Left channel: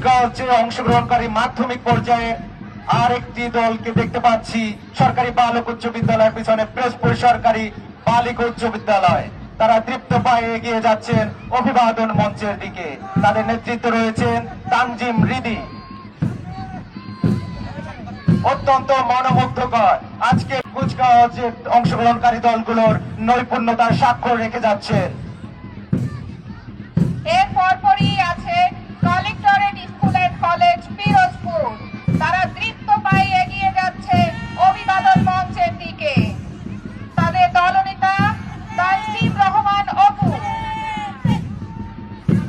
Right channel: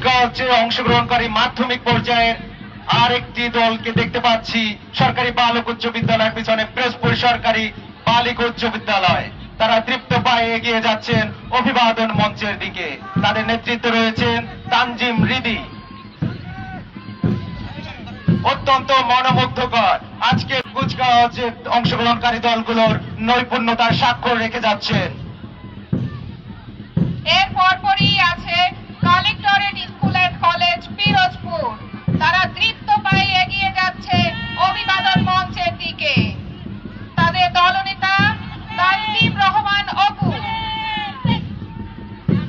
কুচকাওয়াজে অংশগ্রহণকারী মাধ্যমিক পর্যায়ের আরেকটি দলকে দেখতে পাচ্ছি। সরকারি বালক উচ্চ বিদ্যালয়ের পিছনে প্রেসপুর সরকারি বালিকা উচ্চ বিদ্যালয়। তারা তৃপ্ত পায়ে এগিয়ে যাচ্ছেন অভিবাদন মঞ্চের দিকে। তাদের নেতৃত্বে রয়েছেন তানজিম রিদি। অত্যন্ত মনোমুগ্ধকর। আজকে কুচকাওয়াজে অংশগ্রহণকারী দলগুলোর নৈপুণ্যতার স্বাক্ষর রেখে যাচ্ছেন।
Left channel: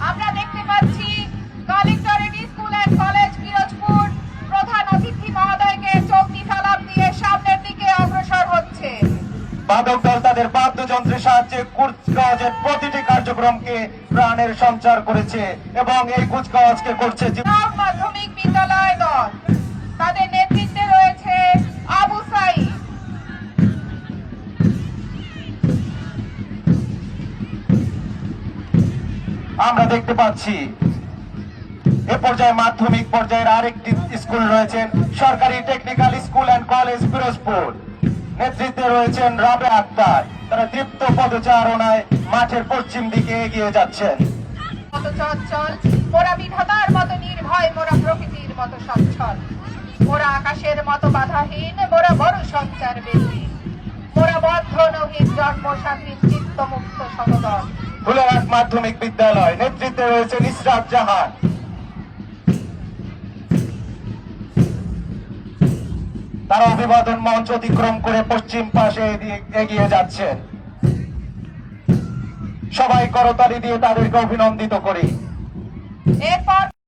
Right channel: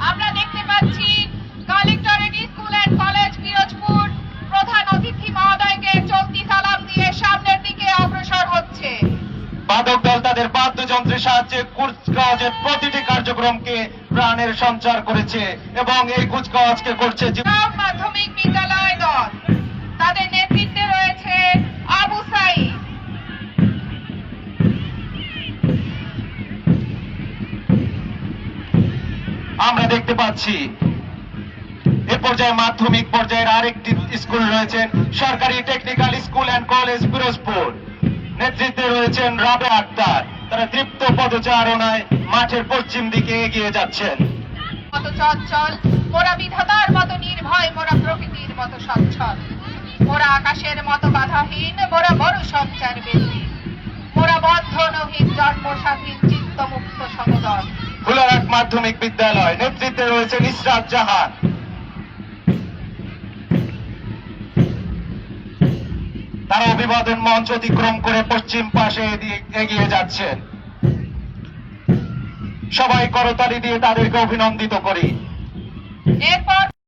আমরা দেখতে পাচ্ছি collectorate school and college Pirojpur প্রধান অতিথি মহোদয়কে চলতি সালাম দিয়ে সামনের দিকে অগ্রসর হচ্ছে। বাদক তাদের বাদ্যযন্ত্রের সাহায্যে প্রতিটি কার্যক্রমকে প্রাণের সঞ্চার করেছে এবং এই কুচকাওয়াজকে করছে মাধ্যমিক বিদ্যালয় দল। তাদের নেতৃত্বে রয়েছে আবু সাইদ। আমরা দেখতে পাচ্ছি এ পর্যায়ে মাধ্যমিক পর্যায়ের আরেকটি স্কুল রয়েছেন সরকারি technical school and college Pirojpur. নেতৃত্বে রয়েছেন রাবে আক্তার। তারা তৃপ্ত পদচারণায় মাঠের পশ্চিম দিকে এগিয়ে যাচ্ছেন চঞ্চল মোরা বিধাতার মতো নির্ভয় মোরা প্রকৃতির মতো সচ্ছল। মোরা আকাশের মতো বাধাহীন মোরা বড় সঞ্চার মোরা সমদল মাধ্যমিক বিদ্যালয় নেতৃত্বে রয়েছেন ইসরাত জাহান। অভিবাদন মঞ্চ অতিক্রম করে পশ্চিম পাশে এগিয়ে যাচ্ছেন। সবাই করতালি দিয়ে তাদেরকে অভিনন্দিত করি। এরপর